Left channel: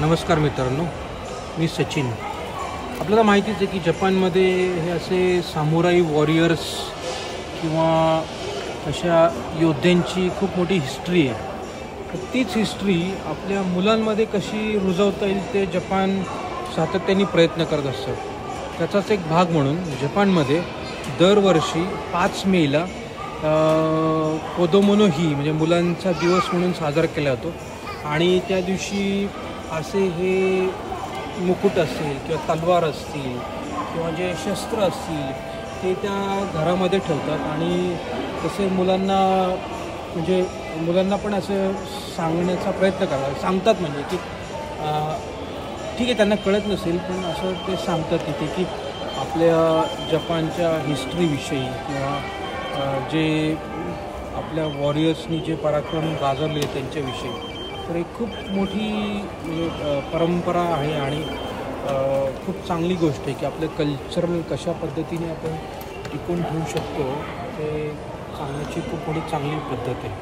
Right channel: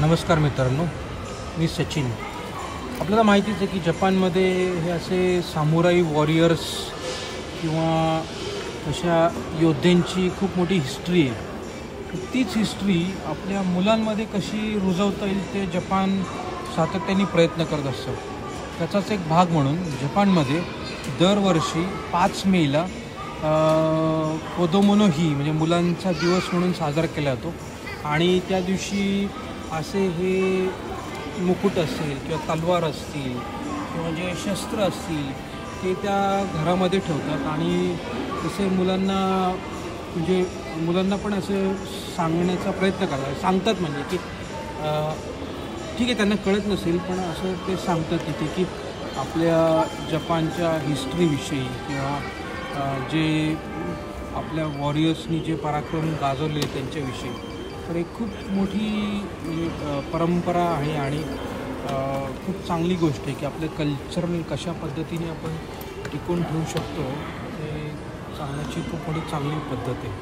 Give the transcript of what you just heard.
नमस्कार मित्रांनो, मी सचिन. आपल्याला माहितीच आहे की जपानमध्ये हे असे सामुराई वॉरियर्स किंवा अशा योद्ध्यांची खूप मोठी हिस्ट्री आहे. तर तीच हिस्ट्री आपल्या मुलांमध्ये कशी रुजवता येईल ते जपान सातत्याने प्रयत्न करत असतं. त्याचाच एक भाग म्हणून जपानमध्ये दरवर्षी 5 मेला कोदोमोनो ही म्हणजे मुलांचा दिवस म्हणून साजरा केला जातो. आणि त्या दिवशी असे हे मुकुट असेल किंवा तलवार असतील किंवा जे शस्त्र असतील ते त्या घरामध्ये ठेवतात. आणि तसे मुलांना पण असं सांगण्याचा प्रयत्न सांगतात म्हणजे की ठीक आहे, त्यांना कळत नसेल पण असं ते सांगतात तिथे की आपल्या जपानच्या हिस्ट्रीविषयी किंवा जे आपल्या वॉरियर्सनी जे पराक्रम गाजवले त्यांच्याविषयी. तर एक खूप मोठी परंपरा आहे आणि खूप चांगली गोष्ट आहे की आपलं कल्चर कशा पद्धतीने आपण टिकवून ठेवू शकतो ते सांगण्याची खूप मोठी चांगली पद्धत आहे.